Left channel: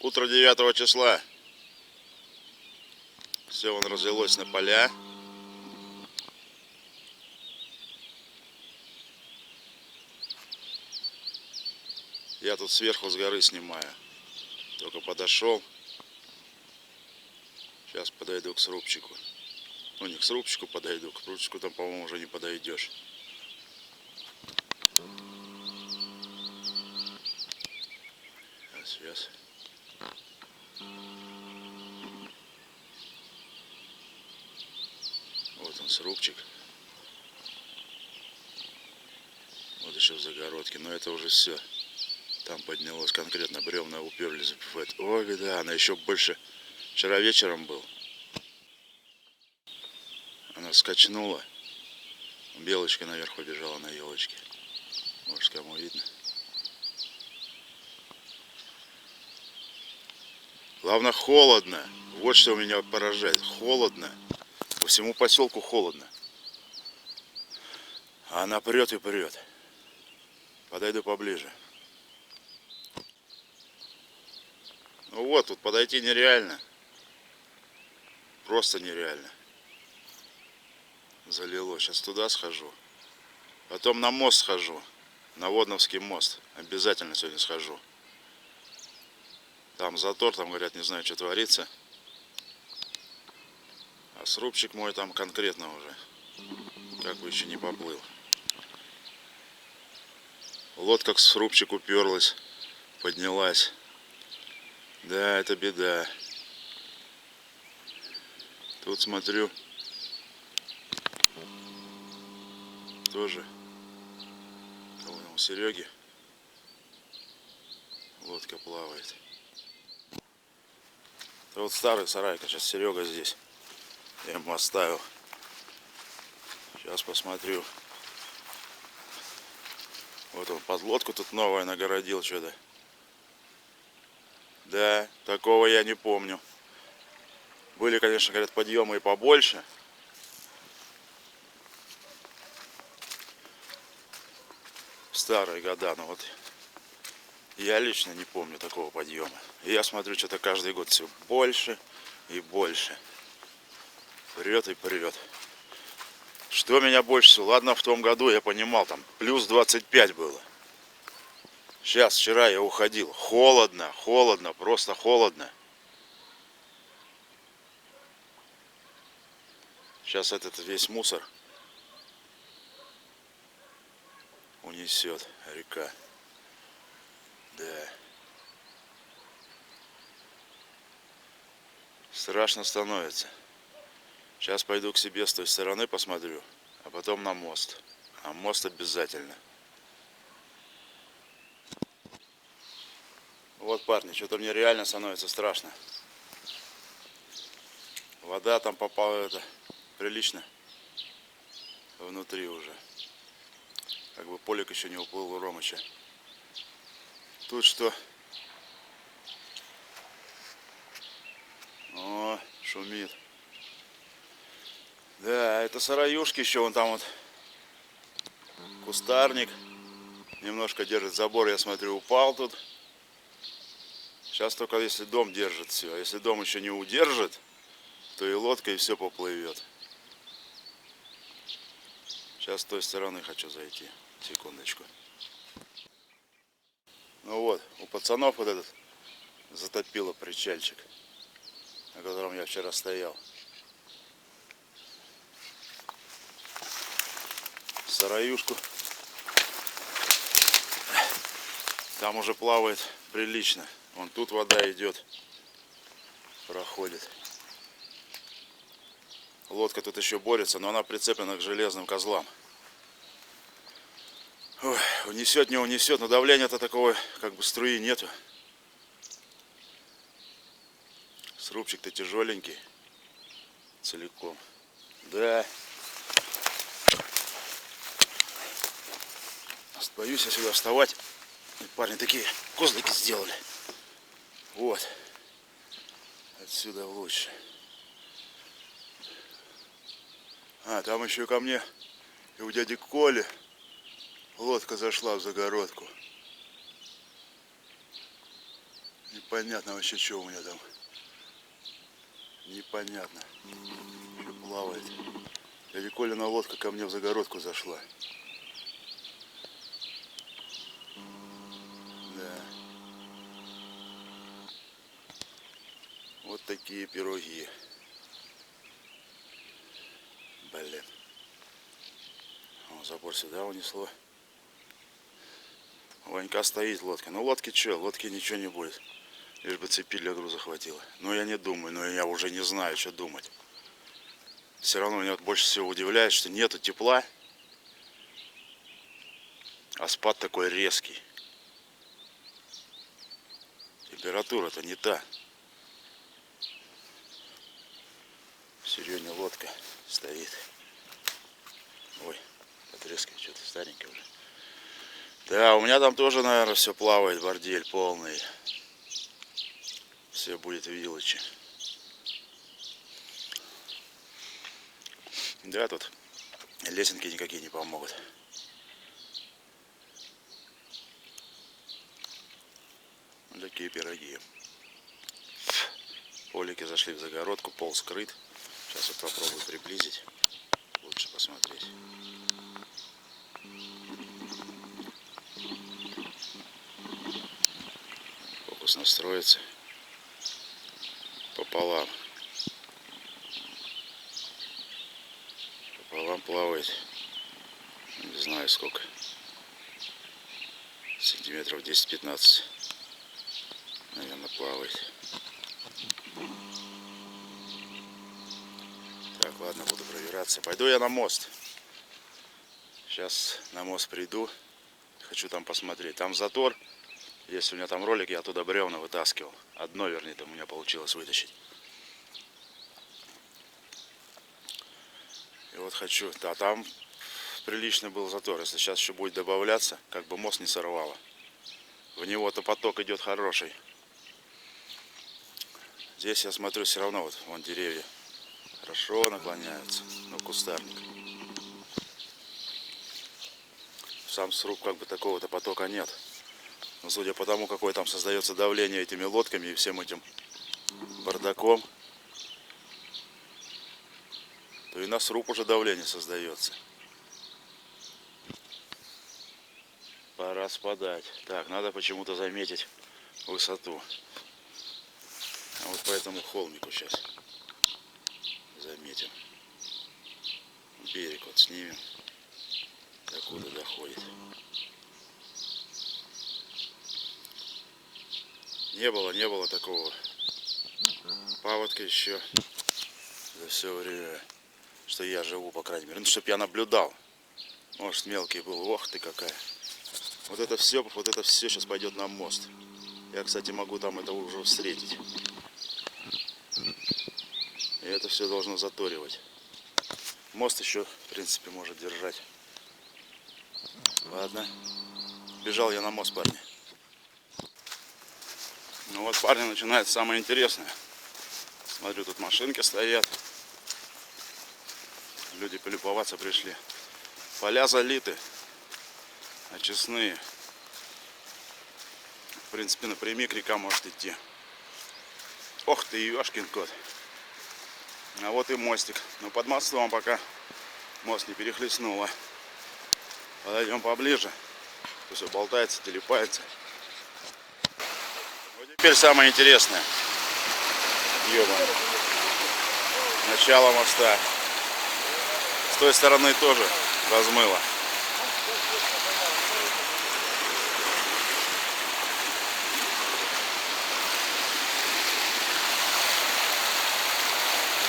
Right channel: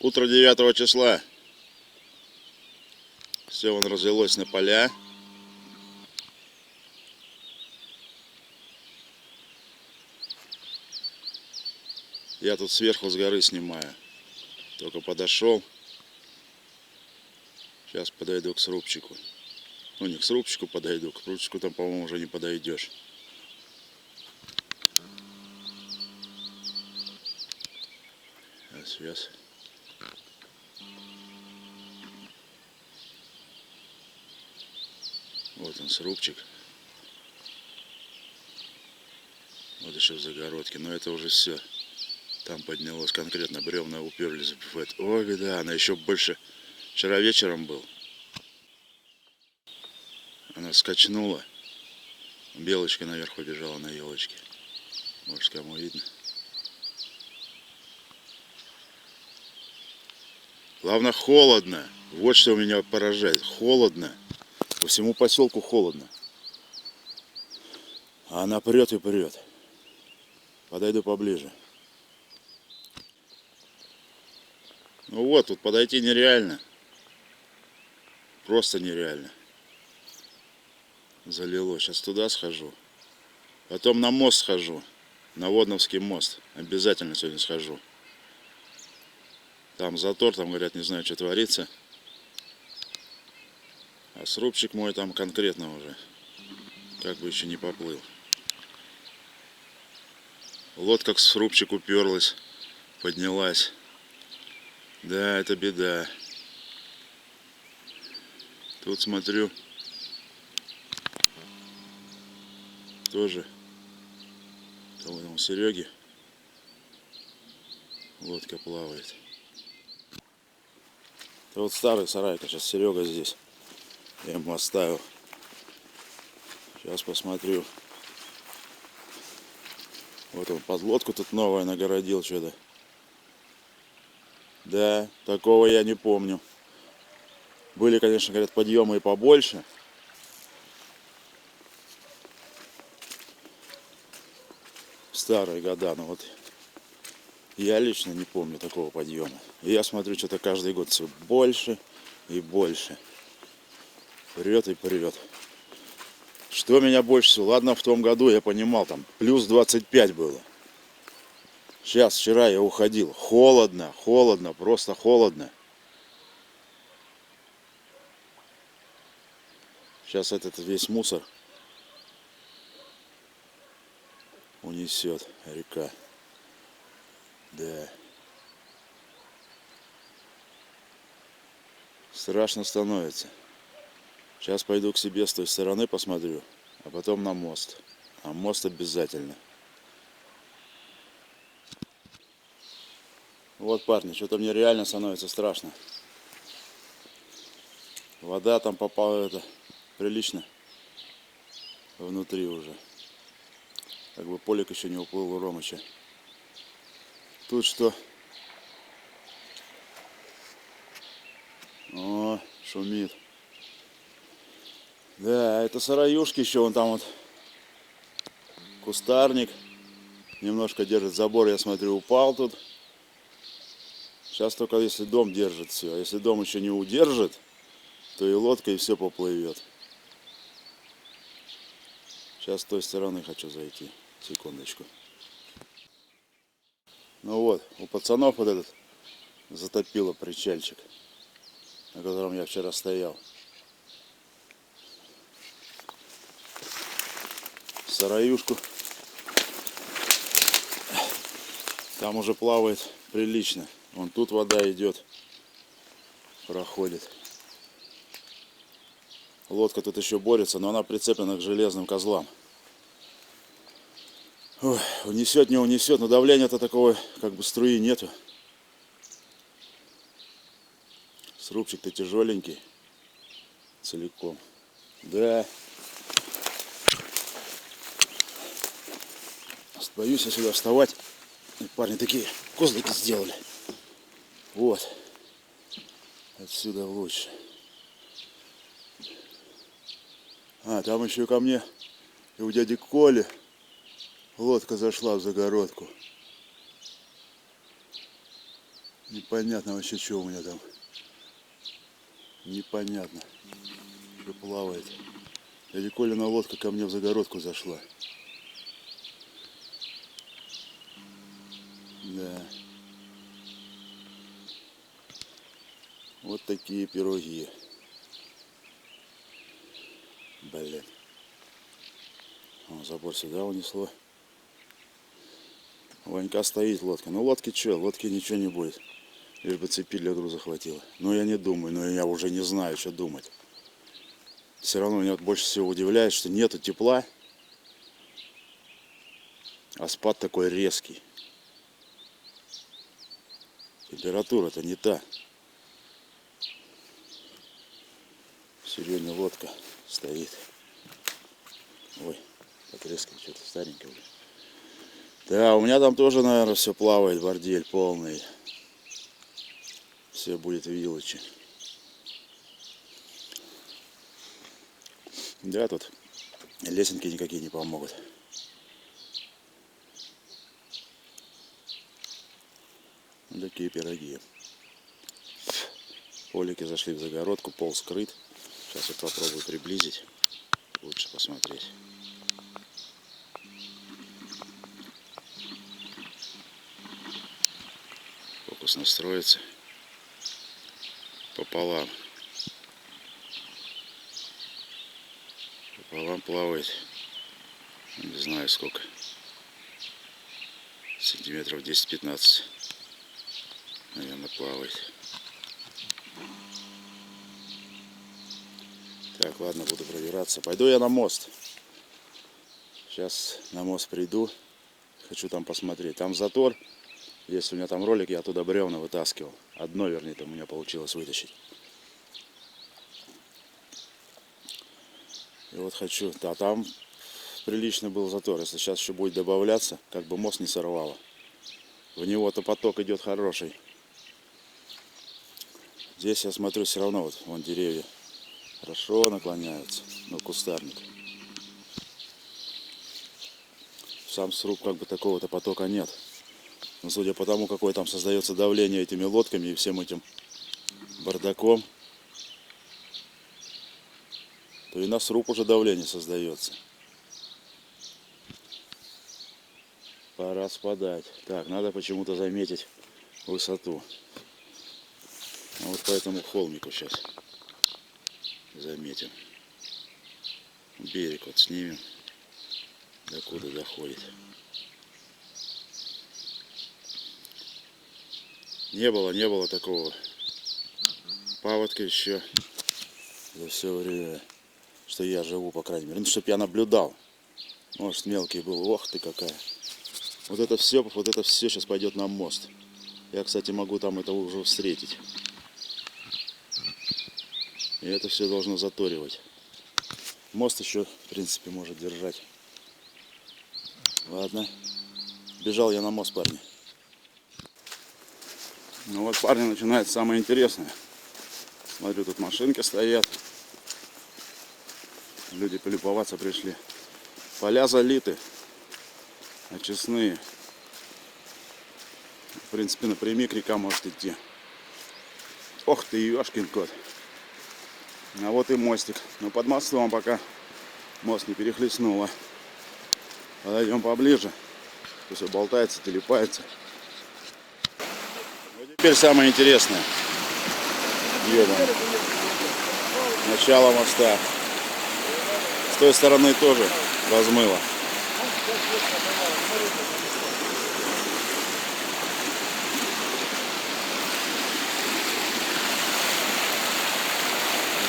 Утро 9 числа. Все вон разлилось на поля. Я тут сверху с горы снимаю. Только подошел. Сейчас подойду к срубчику. Ну, не к срубчику подойду, к срубчику там, по-моему, уже не подойдешь. Сейчас. Вот он, срубчик. Вот еще в загородке. Но это уже все. Там поднялось конкретно, бревна уперлись в это. Ой, да, она еще больше. Вчера вечером был. Она скачнула. Белочка наверх побежала на елочке. Может, кому видно. Главное, холодно. Вот что меня поражает. Холодно. По всему поселку холодно. А она прет и прет. Подойду поближе. Ну вот, тут подойти нереально. Просто нереально. Залило. Сейчас туда схожу. Потом на мост схожу. На Водновский мост. Обязательно сегодня схожу. Там затор, там, говорят, не знаю, что творится. А срубчик мой там конкретно уже. Как бы еще не поплыл. Лодка к срубчику уперлась. Поднялась. Да, это беда. Тут смотрю. Тоже. Кого там, у Сереги. Лодка плавает. Это вот старый сарайка. Сейчас Серега здесь. Я ему оставил. Сейчас посмотрю. Вот он подлодку тут новая нагородил что-то. Да, такого я не помню. Были, конечно, говорят, подъемы и побольше. В старые года, но вот я лично не помню такого подъема. И я смотрю, что-то каждый год все больше и больше. Прет и прет. Что меня больше всего? Ладно, в том году я понимал, там плюс 25 было. Сейчас, вчера я уходил. Холодно, холодно, просто холодно. Сейчас этот весь мусор унесет река. Да. Страшно становится. Сейчас пойду к себе с той стороны посмотрю, а потом на мост. А мост обязательно. Вот, парни, что-то мне реально становится страшно. Вода там попала, это прилично внутри уже. Как бы полик еще не уплыл у Ромыча. Тут что? О, шумит. Да, это сараюшки еще, вон там вот кустарник. Немножко держит забор, я смотрю, упал тут. Сейчас только если дом держит все. А если дом еще не удержит, то и лодка, и все поплывет. Сейчас с той стороны хочу зайти. Секундочку. Ну вот, у пацанов вот этот затопило причальчик, на котором я вчера стоял. Сараюшку. Там уже плавает прилично. Вон тут вода идет, проходит. Лодка тут еще борется, но она прицеплена к железным козлам. Ой, унесет, не унесет, но давления-то такого, как бы струи нету. Срубчик-то тяжеленький, целиком. Да. Боюсь я сюда вставать. И парни такие козлики сделали. Вот. Отсюда лучше. А, там еще ко мне и у дяди Коли лодка зашла в загородку. Непонятно вообще, что у меня там. Непонятно. Что плавает. Или Колина лодка ко мне в загородку зашла. Да. Вот такие пироги. Блин. О, забор сюда унесло. Ванька стоит лодка. Ну лодки что? Лодки ничего не будет. Лишь бы цепи для груза хватило. Но я не думаю, но я уже не знаю, что думать. Все равно меня вот больше всего удивляет, что нету тепла. А спад такой резкий. Температура-то не та. Серьезная лодка стоит. Ой, потрескивает что-то старенькое уже. Да, у меня там тоже, наверное, все плавает, бордель полный. Все будет вилочи. Да, тут лесенки никакие не помогут. Вот такие пироги. Полики зашли в загородку, пол скрыт. Сейчас вот попробую приблизить. Лучше посмотреть. Фокус настроится. Пополам. Пополам плавает. Не знаю сколько. Сантиметров 10-15. Наверное, плавает. Так, ладно, буду пробираться. Пойду я на мост. Сейчас на мост приду. Хочу там посмотреть. Там затор. Есть у меня там ролик, я оттуда бревна вытаскивал. Одно, вернее, там у меня получилось вытащить. И вот хочу. Да, там приличный был затор. Если сейчас еще будет добавляться, как бы мост не сорвало. В него-то поток идет хороший. Здесь я смотрю, все равно вот вон деревья хорошо наклоняются. Ну, кустарник. Сам сруб как бы такого-то потока нет. Но судя по тому, какое там создается давление этими лодками и всем этим бардаком, то и на сруб уже давление создается. Пора спадать. Так, надо почему-то заметить высоту. А вот по этому холмику сейчас заметим. Берег вот снимем. Докуда доходит. Не было такого паводка еще за все время, что я живу, по крайней мере. Ну, чтоб я наблюдал. Может, мелкий был. Ох ты какая. Вот это все сейчас пойдет на мост. Я, кстати, могу там это уже встретить. И это все должно заторивать. Мост еще, в принципе, может держать. Ладно. Бежал я на мост, парни. Ну вот, парни, начинается самое интересное. Смотрю, тут машинки стоят. Люди полюбоваться пришли. Поля залиты. Очистные. В принципе, напрямик река может идти. Ох ты, ёшкин кот. А вот и мостик. Но под мостом пока мост не перехлестнуло. Подойдем поближе. Все болтается, телепается. Вот теперь самое интересное. Ёбаный. Начало моста. С той стороны тоже размыло.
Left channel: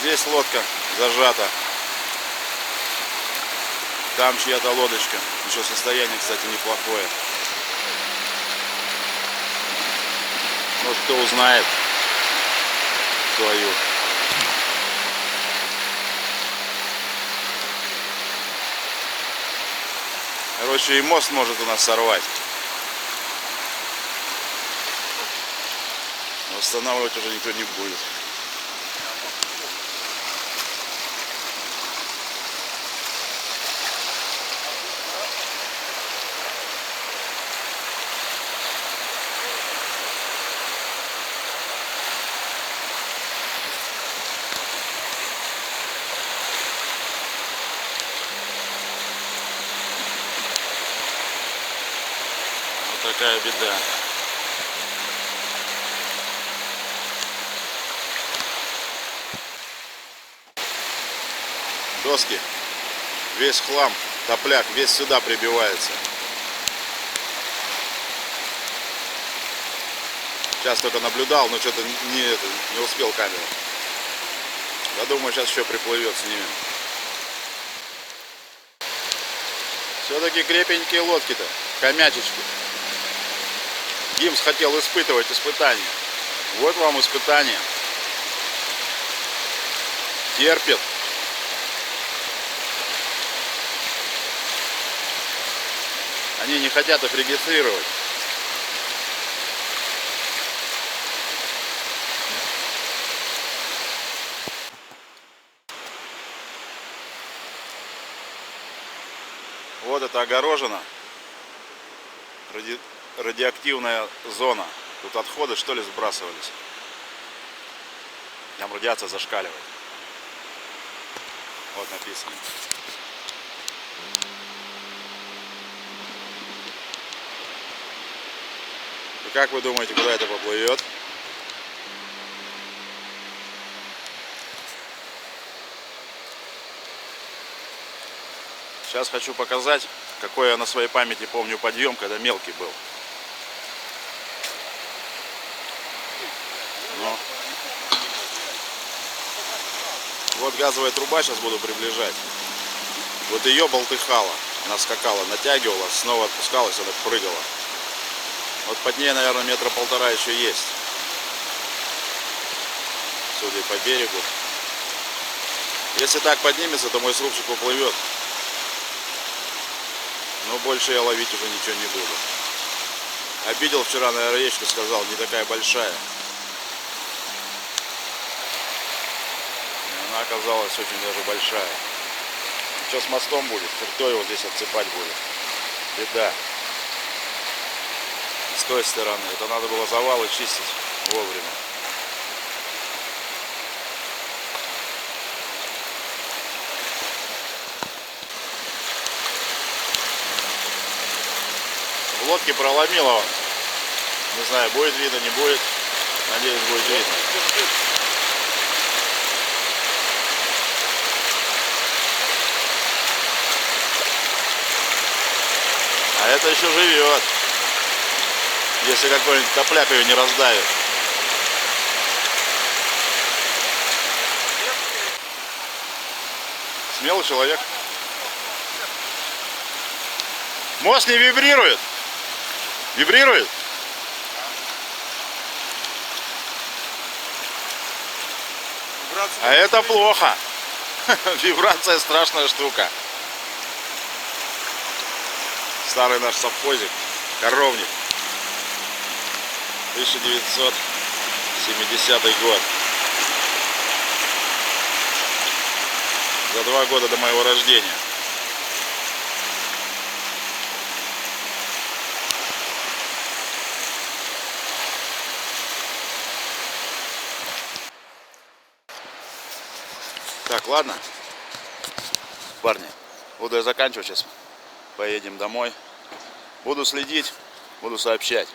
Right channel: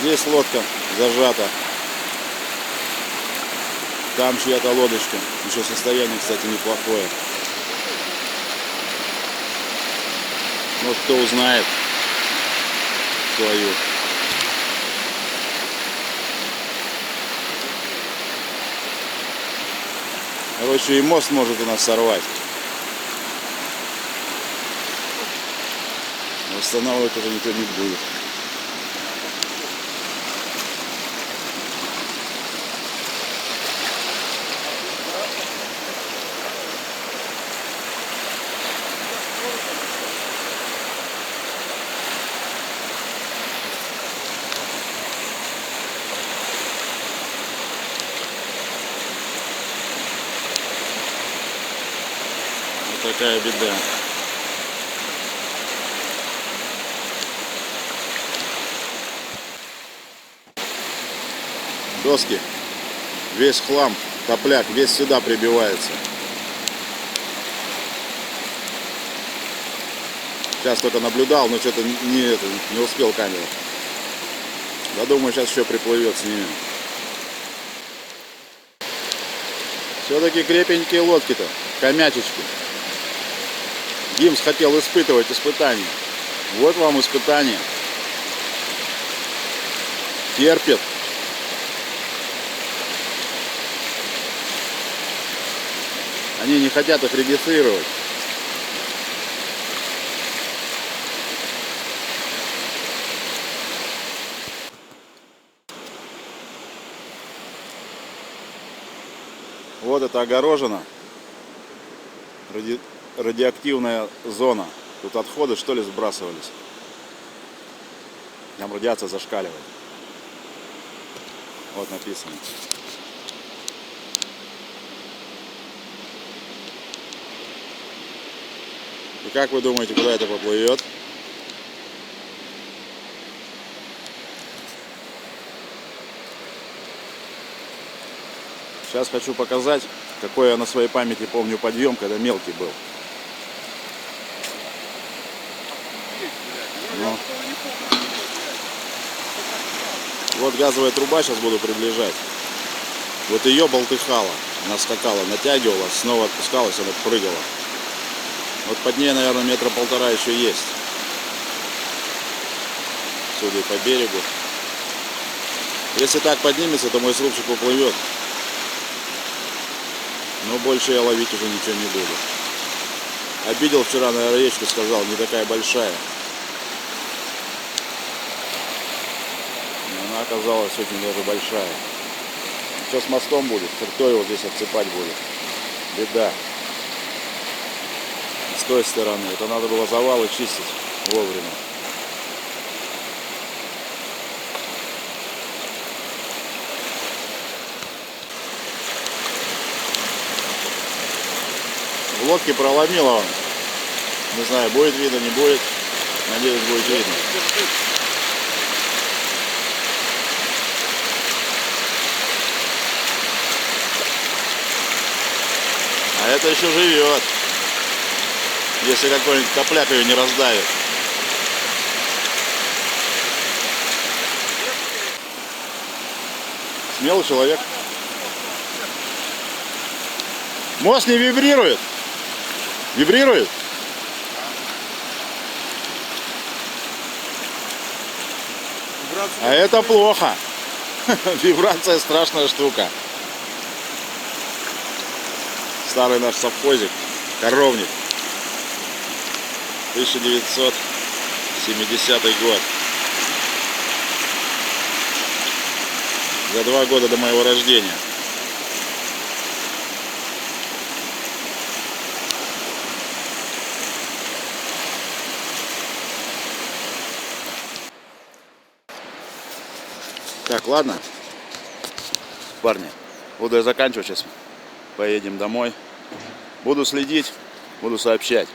Здесь лодка зажата. Там чья-то лодочка. Еще состояние, кстати, неплохое. Ну, кто узнает свою. Короче, и мост может у нас сорвать. Восстанавливать уже никто не будет. такая беда. Доски, весь хлам, топляк, весь сюда прибивается. Сейчас только наблюдал, но что-то не успел камеру. Я думаю, сейчас еще приплывет, снимем. Все-таки крепенькие лодки-то, хомячечки. Гимс хотел испытывать испытания. Вот вам испытание. Терпит. Они не хотят их регистрировать. Вот это огорожено. Радиоактивная зона. Тут отходы, что ли, сбрасывались. Там радиация зашкаливает. Вот написано. И как вы думаете, куда это поплывет? Сейчас хочу показать, какой я на своей памяти помню подъем, когда мелкий был. Ну. Вот газовая труба, сейчас буду приближать. Вот ее болтыхала. Она скакала, натягивала, снова отпускалась, она прыгала. Вот под ней, наверное, метра полтора еще есть. Судя по берегу. Если так поднимется, то мой срубчик уплывет. Но больше я ловить уже ничего не буду. Обидел вчера, наверное, речку, сказал, не такая большая. И она оказалась очень даже большая. Что с мостом будет? Кто его здесь отсыпать будет? Беда. С той стороны. Это надо было завалы чистить вовремя. В лодке проломило он. Не знаю, будет видно, не будет. Надеюсь, будет видно. А это еще живет. Если какой-нибудь топляк ее не раздавит. Смелый человек. Мост не вибрирует. Вибрирует? А это плохо. Вибрация страшная штука. Старый наш совхозик. Коровник. 1970 год. За 2 года до моего рождения. Так, ладно, парни, буду я заканчивать сейчас. Поедем домой. Буду следить, буду сообщать.